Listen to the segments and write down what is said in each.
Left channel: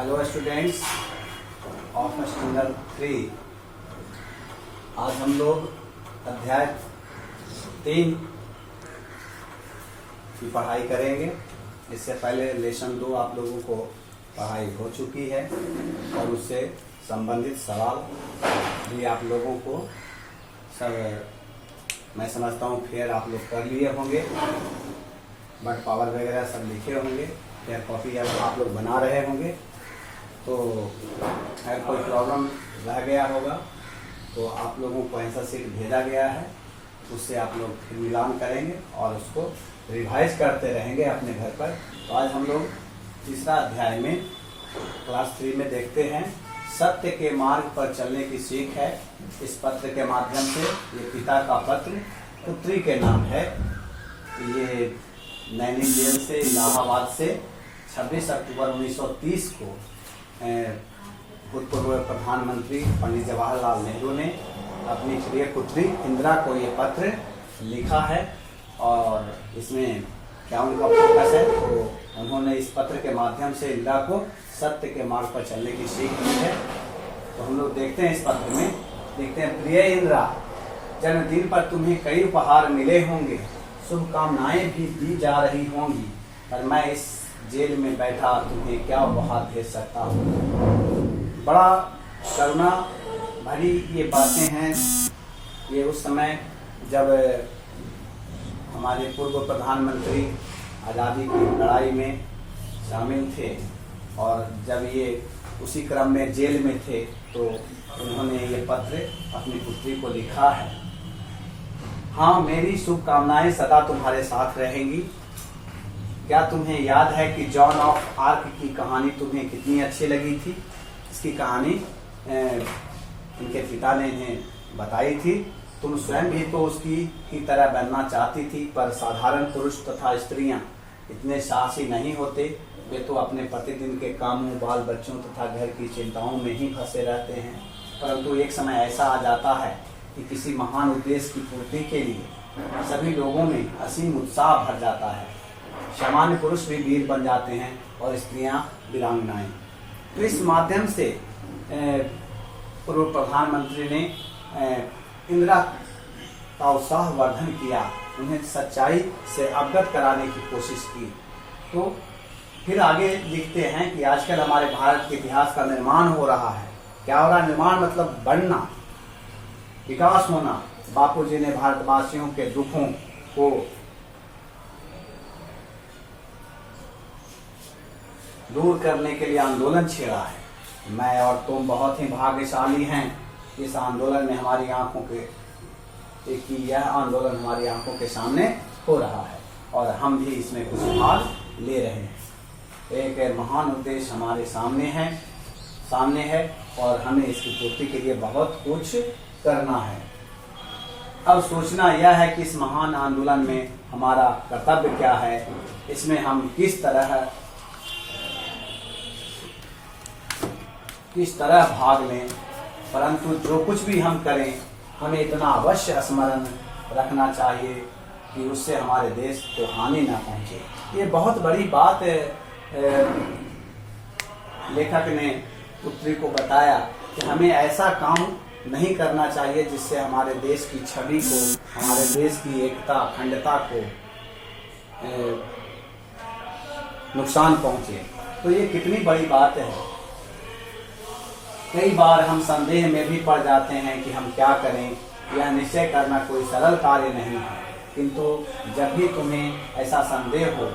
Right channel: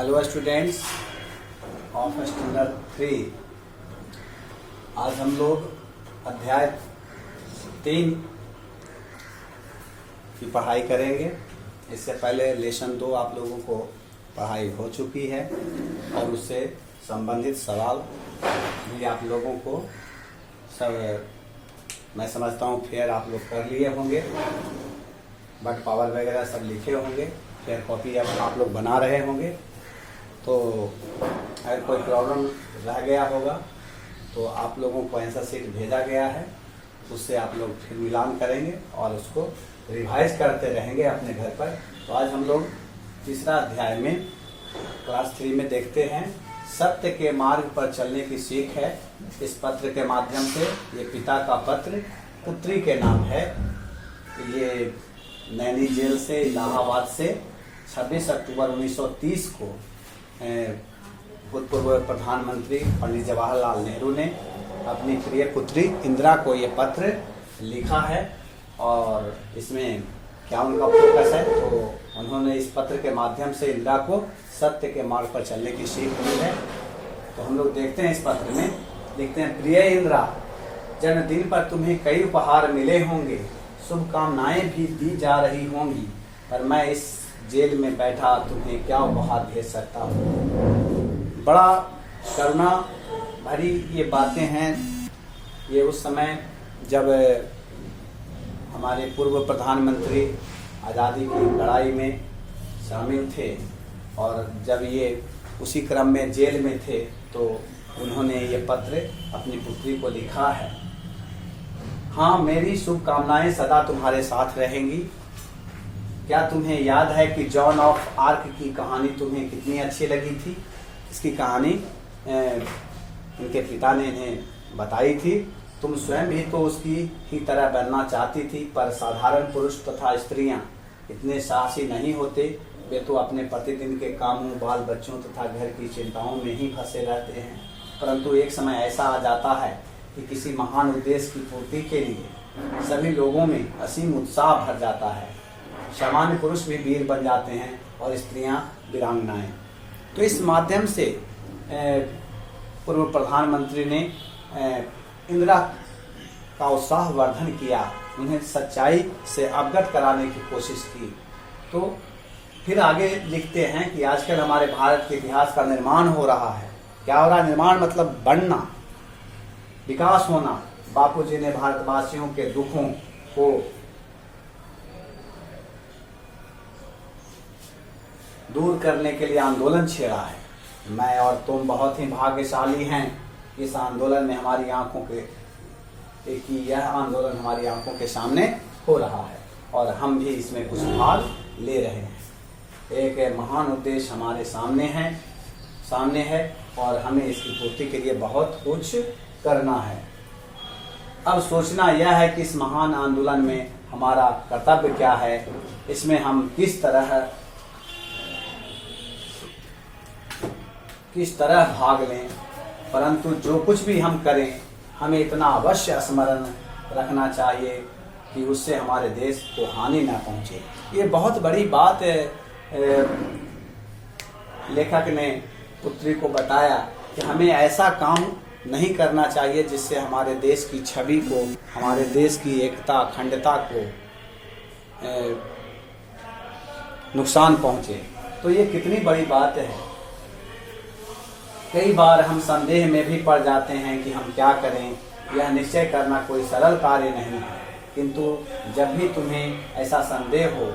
Hello students of standard 3। आज हम लोग अध्याय 3 की पढ़ाई करेंगे। इससे पहले लेसन 2 आप लोगों को पढ़ाई हो चुकी है और उससे संबंधित सवाल भी आप लोगों को सब मैं समझता हूँ फिर आप लोग कर लिए होंगे। बट पावर वगैरह सब लिखे होंगे, फिर कॉपी आप लोग बना रहे होंगे। तो अगर कोई प्रॉब्लम रह गया होगा तो आप लोगों को आंसर शीट भेजा गया है, उससे आप लोग फिर मिलान करेंगे और उसको रिवाइज करते रहेंगे अपने घर पर। तो आज हम लोग तीसरा अध्याय में क्लास 3 में देखते हैं सत्य के मार्ग पर चलने की सीख है। इस पत्र के माध्यम से, ये पिता का पत्र पुत्री के नाम है। ये नैनी जेल से, इलाहाबाद से 26 अक्टूबर 1930 को भूतपूर्व प्रधानमंत्री पंडित जवाहरलाल नेहरू ने अपनी प्रिय पुत्री इंदिरा को ये पत्र लिखा है। और इसमें क्या उनका फोकस है, तो उन्होंने इस पत्र के माध्यम से इंदिरा को सत्य के मार्ग पर चलने की सीख दी है। तो हम लोग देखते हैं इस पत्र में, देखते हैं। प्रिय इंदिरा, जन्मदिन पर तुम्हें कई उपहार मिले होंगे, शुभकामनाएं भी दी जा रही होंगी, पर मैं इस जेल में बैठा तुम्हें क्या उपहार भेज सकता हूँ। बड़ा करुणा भरी ये बातें हैं। ये उस समय जब हमारे पूर्व प्रधानमंत्री आज़ादी की लड़ाई में शामिल थे और जब ये उसी क्रम में जेल में थे, तो उन्होंने ये पत्र अपनी पुत्री को लिखा है। हाँ, मेरी शुभकामनाएं सदा तुम्हारे साथ रहेंगी। क्या तुम्हें याद है कि जॉन ऑफ आर्क की कहानी तुम्हें कितनी अच्छी लगी थी? इसकी कहानी इनके पिता ने इन्हें बताई थी। तुम स्वयं भी तो उसकी ही तरह बनना चाहती थी, पर साधारण पुरुष तथा स्त्रियां इतने साहसी नहीं होते। वे तो अपने प्रतिदिन के कामों, बाल बच्चों तथा घर की चिंताओं में ही फंसे रहते हैं। परंतु एक समय ऐसा आ जाता है कि किसी महान उद्देश्य की पूर्ति के लिए सभी लोगों में असीम उत्साह भर जाता है। सामान्य पुरुष भी वीर बन जाते हैं और स्त्रियां वीरांगनाएं। तो इस माध्यम से पूर्व प्रधानमंत्री ने इंदिरा का उत्साह वर्धन किया, उन्हें सच्चाई से अवगत कराने की कोशिश की। तो फिर आगे लिखते हैं कि आजकल हमारे भारत के इतिहास का निर्माण हो रहा है। क्या हो रहा है? निर्माण मतलब बढ़ना, विकास होना। बापूजी ने भारतवासियों के दुखों को दूर करने के लिए आंदोलन छेड़ा है। मैं और तुम बहुत ही भाग्यशाली हैं। इस आंदोलन में हमारी आंखों के यह आंदोलन हमारी आंखों के सामने हो रहा है और हम भी इसमें कुछ भाग ले रहे हैं। एक महान उद्देश्य हमारे सामने है और हमें इसकी पूर्ति के लिए बहुत कुछ करना है। अब सोचना यह है कि इस महान आंदोलन में हमारा कर्तव्य क्या है, इसमें हम किस तरह भाग लें। परंतु जो कुछ भी हम करें, हमें इतना अवश्य स्मरण रखना चाहिए कि उससे हमारे देश को हानि न पहुंचे। ये बहुत बड़ी बात लेखक ने पुत्री को बताया कि हमें ऐसा काम नहीं करना चाहिए जिससे हमारे देश की छवि को, हमारे देश की एकता, अखंडता को नुकसान पहुंचे। तो ये कितनी बड़ी बात है। कई बार हम संदेह में भी पड़ जाते हैं कि हम क्या करें। यह निश्चय करना कोई सरल कार्य नहीं है, किंतु जब भी तुम्हें ऐसा संदेह हो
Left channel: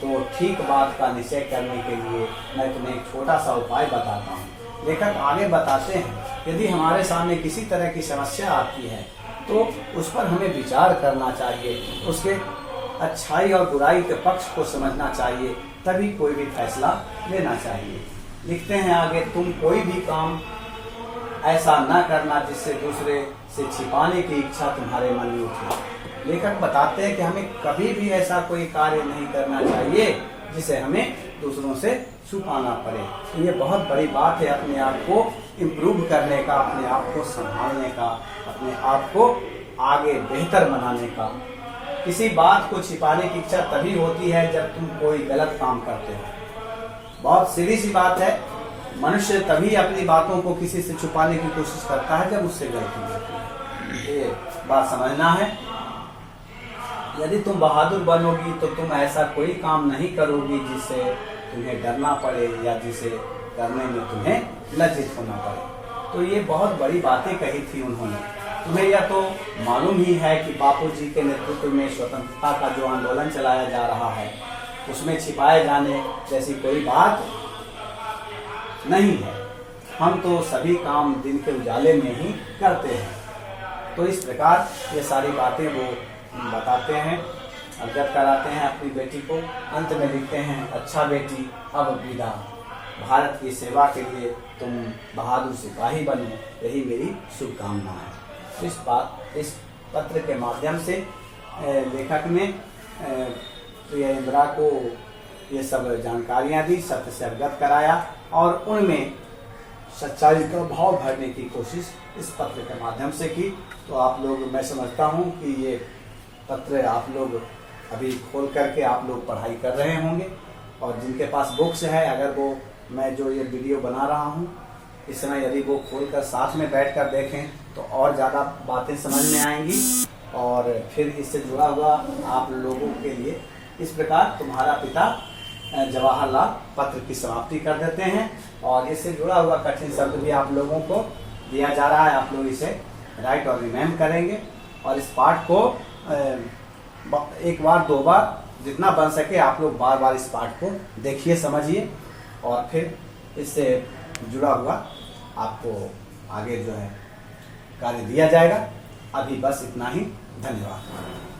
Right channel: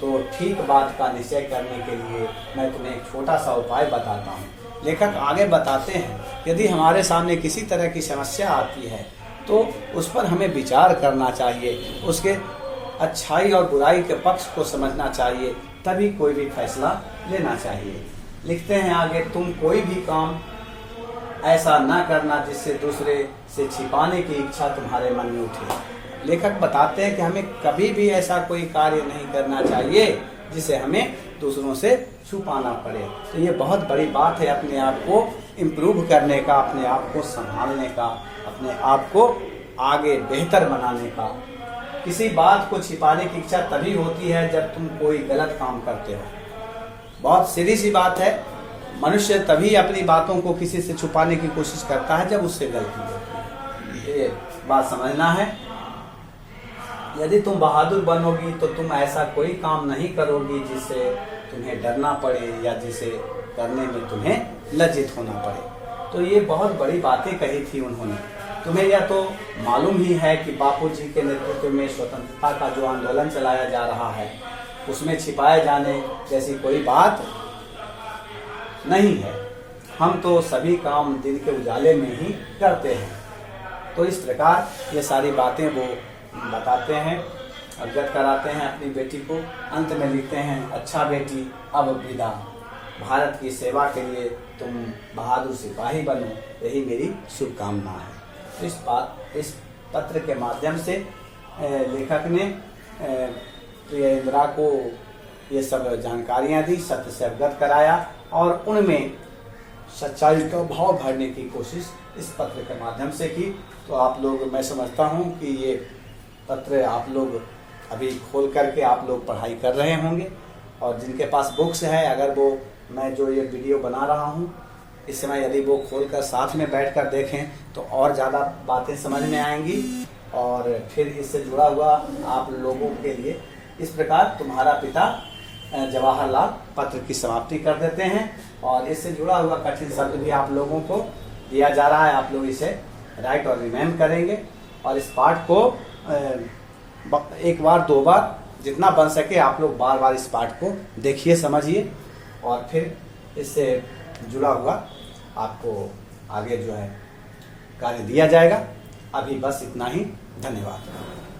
तो ठीक बात का निश्चय करने के लिए मैं तुम्हें एक छोटा सा उपाय बताता हूँ। लेखक आगे बताते हैं, यदि हमारे सामने किसी तरह की समस्या आती है तो उस पर हमें विचार करना चाहिए, उसके अच्छाई और बुराई के पक्ष को समझना चाहिए, तभी कोई भी फैसला लेना चाहिए। लिखते हैं आगे, तुम कोई भी काम ऐसा न करना जिससे दूसरे से छिपाने की इच्छा तुम्हारे मन में उठे। लेखक बताते हैं कि हमें कभी भी ऐसा कोई कार्य नहीं करना चाहिए जिसे हमें दूसरों से छुपाना पड़े। तो ये बहुत बड़ी बात है, अपने आप को इम्प्रूव करने का, अपने आप को संभालने का, अपने आप को आगे बेहतर बनाने का। किसी बात को छिपाने की इच्छा तभी होती है जब तुम कोई गलत काम करते हो। बहुत सीधी सी बात है, मनुष्य तभी अपनी बातों को किसी से छुपाने की कोशिश करता है जब उससे गलती होती है। ये बात समझना है। यदि तुम बहादुर बनोगी तो तुम ऐसा कोई काम नहीं करोगी जिससे तुम्हें डरना पड़े या जिसे करने में तुम्हें लज्जित होना पड़े। तो ये बहुत बड़ी बातें कही थी उन्होंने। तुम्हें यह तो मालूम ही है कि बापूजी के नेतृत्व में स्वतंत्रता का जो आंदोलन चलाया जा रहा है उसमें छिपाए जाने जैसी कोई बात नहीं है। हम तो सभी काम दिन के उजाले में ही करते हैं। तो इस प्रकार ये सारी बातें वो बताते हैं, अवगत कराते हैं अपनी बेटी को। अंत में लिखते हैं, अच्छा बेटी अब विदा, भारत की सेवा के लिए तुम बहादुर सिपाही बनो, यही मेरी शुभकामना है। इस पत्र के माध्यम से लेखक ने प्रिय इंदिरा को ये सब जानकारियां दी, सत्य से अवगत कराया और उनमें सच्चाई का भाव भरने की कोशिश इस पत्र के माध्यम से की। तो आप लोग, मैं समझता हूँ कि ये पत्र आप लोग अभी खोल करके आप लोग पढ़ाई कर रहे होंगे, और जिनके पास बुक्स है, अगर वो मैं जो ये वीडियो बना रहा हूँ इस समय यदि वो खोलकर साथ में बैठकर देखें तो और ज़्यादा बातें समझ में आएंगी। और फिर इससे जुड़ा हुआ आप लोगों के लिए इस प्रकार तुम्हारा पिता जवाहरलाल पत्र की समाप्ति कर देते हैं, और इससे जुड़ा हुआ कठिन शब्द भी आप लोगों को दिया जा रहा है। आप लोग इसे राइट और रिमेम्बर करेंगे, और इस पाठ को एक बार दो बार जितना बन सके आप लोग बार बार इस पाठ को देखिए, समझिए, और फिर इससे जुड़ा हुआ आपको आगे जो है कार्य दिया जाएगा। अभी बस इतना ही। धन्यवाद।